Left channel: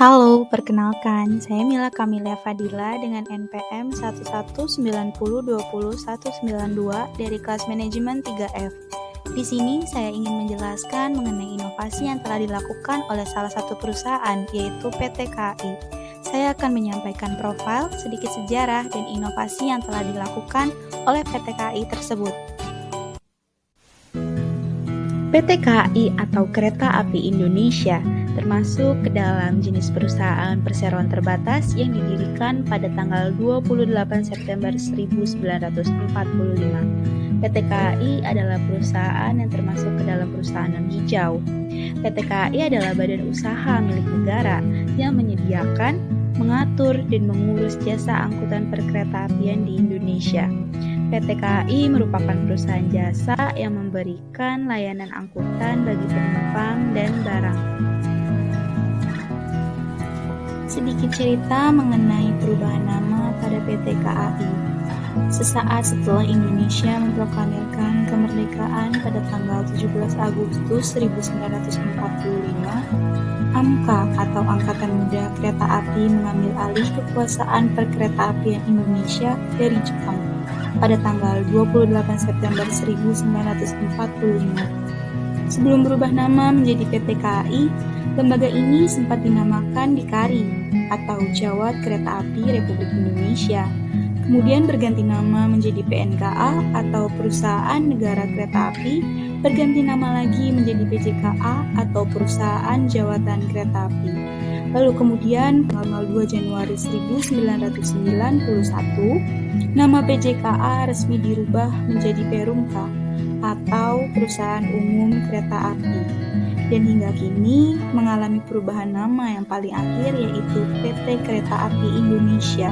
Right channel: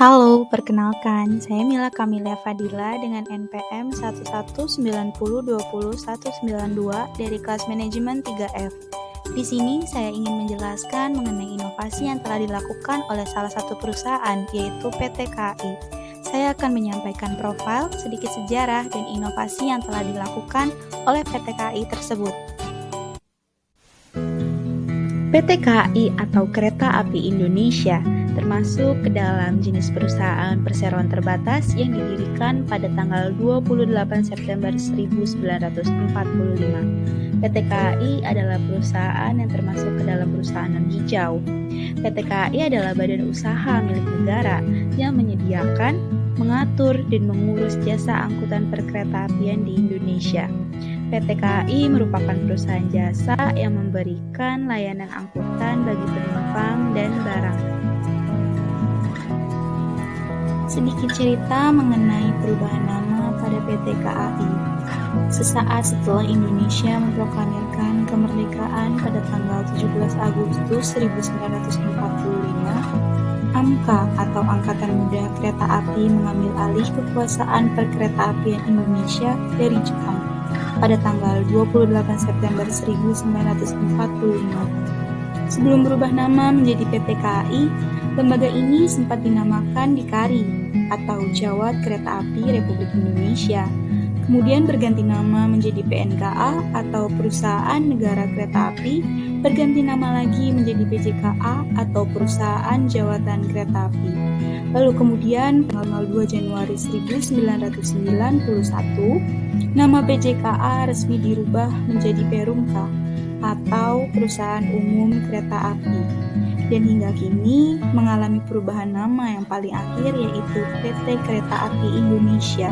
Halo, perkenalkan, saya Mila Kamilia Fadila dengan NPM 1190202192 dari kelas manajemen 3F. Di sini saya ingin menjelaskan mengenai inovasi yang telah dilakukan oleh salah satu perusahaan, yaitu PT KAI. Saya akan menyampaikan profil, sedikit sejarah, dan inovasi yang telah dilakukan oleh PT KAI tersebut. PT KAI atau Kereta Api Indonesia termasuk ke dalam jenis perusahaan perseroan terbatas yang didirikan pada tanggal 28 September 1945. PT KAI adalah perusahaan yang termasuk ke dalam perusahaan non-hijau. PT KAI adalah badan usaha milik negara yang menyediakan, mengatur, dan mengurus jasa angkutan perkeretaapian di Indonesia. PT KAI merupakan perusahaan jasa yang memberikan layanan angkutan bagi penumpang dan barang. Sedikit cerita mengenai perubahan nama pada PT KAI. Sesaat setelah Indonesia memproklamirkan kemerdekaan pada tanggal 17 Agustus 1945, AMKA atau Angkatan Muda Kereta Api mengambil alih kekuasaan perkeretaapian Indonesia dari Jepang pada tanggal 28 September 1945. Sebelum berubah nama menjadi PT KAI, lembaga ini sempat dinamakan Dikari atau Jawat Kereta Api Republik Indonesia. Kemudian berganti nama menjadi PNKA atau Perusahaan Negara Kereta Api, berganti nama lagi menjadi PJKA atau Perusahaan Jawatan Kereta Api. Lalu kemudian tanggal 2 Januari 1991, nama PJKA resmi dirubah menjadi Perumka atau Perusahaan Umum Kereta Api. Dan hingga kini mengalami perubahan nama yang paling akhir yaitu PT Kereta Api Indonesia.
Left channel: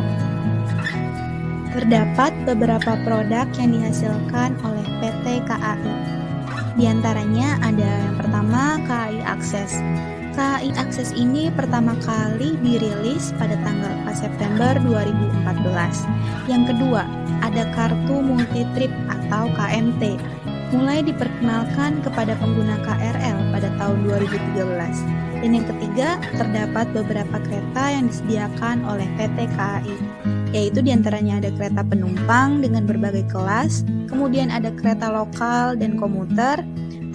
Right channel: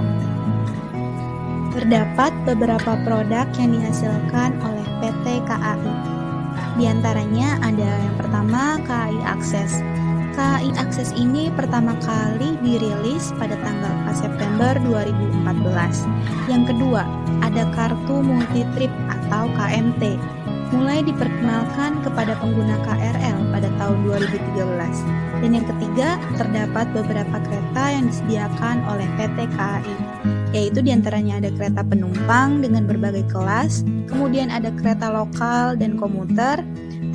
Terdapat beberapa produk yang dihasilkan oleh PT KAI. Di antaranya ada yang pertama KAI Akses. KAI Akses ini pertama kali dirilis pada tanggal 4 September 2014. Yang kedua, ada Kartu Multi Trip atau KMT. Mulai diperkenalkan kepada pengguna KRL pada tahun 2013. Dan yang ketiga, terdapat beberapa kereta yang disediakan oleh PT KAI, yaitu diantaranya ada kereta penumpang dengan berbagai kelas, kemudian ada kereta lokal dan komuter,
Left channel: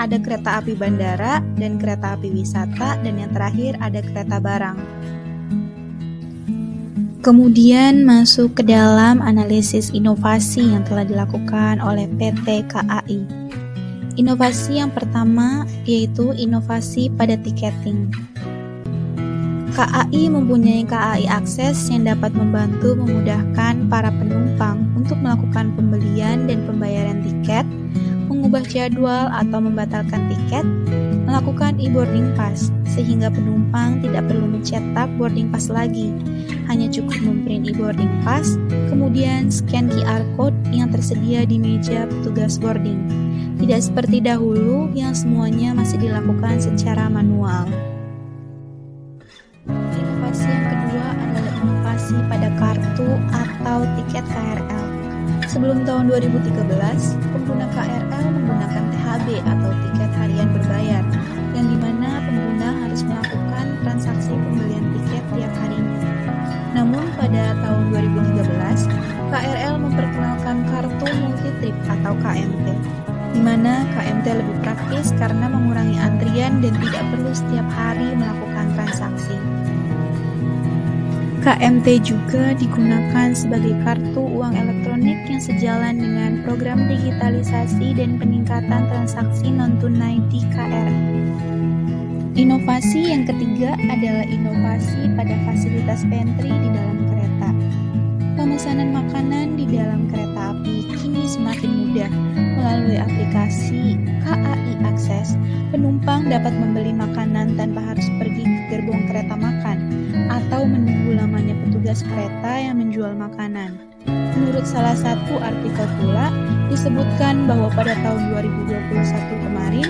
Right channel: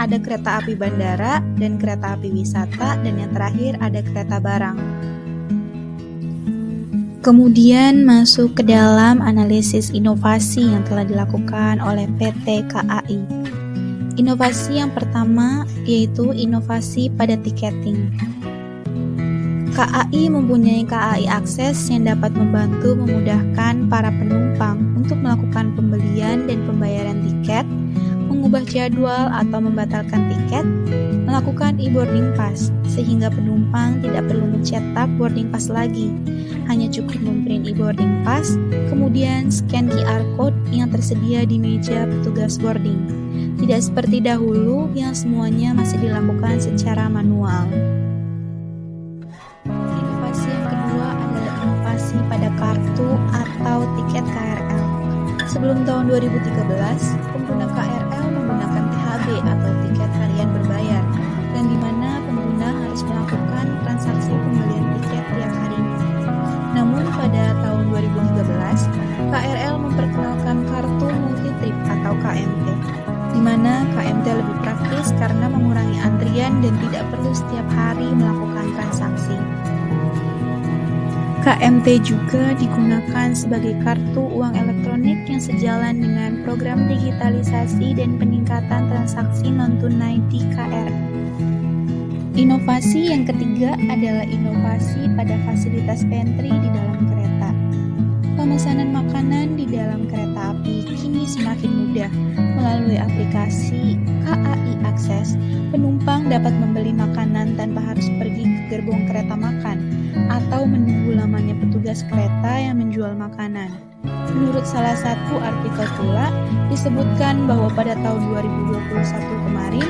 ada kereta api bandara dan kereta api wisata, dan yang terakhir ada kereta barang. Kemudian masuk ke dalam analisis inovasi yang telah dilakukan oleh PT KAI. Inovasi yang pertama yaitu inovasi pada tiketing. KAI mempunyai KAI Akses yang dapat membantu memudahkan para penumpang untuk melakukan pembelian dan pembayaran tiket, mengubah jadwal atau membatalkan tiket, melakukan e-boarding pass, sehingga penumpang tidak perlu mencetak boarding pass lagi. Hanya cukup memprint e-boarding pass, kemudian scan QR code yang tersedia di meja petugas boarding. Tidak seperti dahulu yang semuanya masih dilakukan secara manual. Inovasi yang kedua adalah inovasi pada kartu atau tiket KRL. Sebelum tahun 2013, pengguna KRL menggunakan THB atau tiket harian berbayar, yang dimana pengguna harus melakukan transaksi pembelian tiket tiap harinya. Namun pada tahun 2013, KRL memperkenalkan kartu multi-trip atau KMT, di mana KMT lebih praktis karena mengurangi antrian dan tidak perlu setiap hari melakukan transaksi. KMT juga digunakan sebagai kartu uang elektronik yang sejalan dengan program digitalisasi dan peningkatan transaksi non-tunai di KRL. Inovasi yang ketiga adalah inovasi pada fasilitas pantry di dalam kereta. Pemesanan makanan di dalam kereta api kini semakin mudah. Melalui aplikasi KAI Akses, penumpang dapat membeli makanan tanpa harus pergi ke gerbong kereta makan atau menunggu lamanya petugas kereta yang menjual makanan. Menurut salah satu artikel pula, disebutkan bahwa pada tahun 2021 kemarin,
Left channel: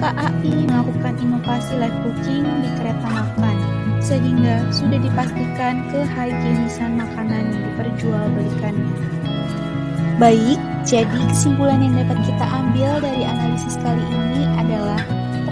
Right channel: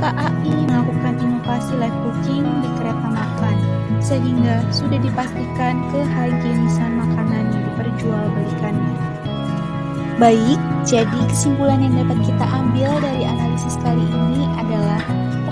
KAI melakukan inovasi live cooking di kereta makan, sehingga sudah dipastikan kehigienisan makanan yang diperjualbelikannya. Baik, jadi kesimpulan yang dapat kita ambil dari analisis kali ini adalah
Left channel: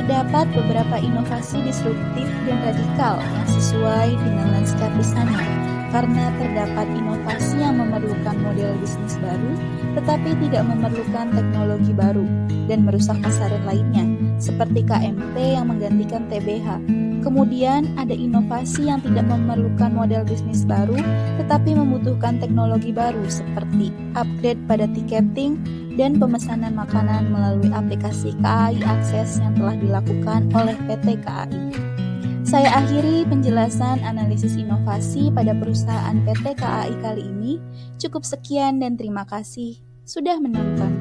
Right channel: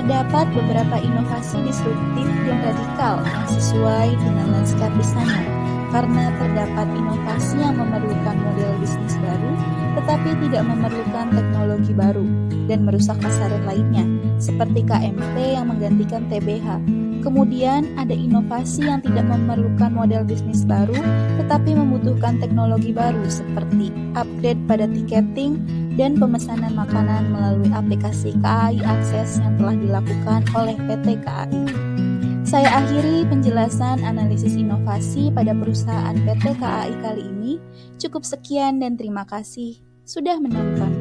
Terdapat beberapa inovasi disruptif dan radikal yang sesuai dengan lanskap di sana, karena terdapat inovasi yang memerlukan model bisnis baru, tetapi tidak memerlukan teknologi baru, dan merusak pasaran lainnya, seperti KMT yang menggantikan TBH. Kemudian ada inovasi yang tidak memerlukan model bisnis baru, tetapi membutuhkan teknologi baru, seperti upgrade pada tiketing dan pemesanan makanan melalui aplikasi KAI Akses yang telah dilakukan oleh PT KAI. Saya akhiri penjelasan analisis inovasi pada perusahaan PT KAI kali ini. Cukup sekian dan terima kasih sudah menonton.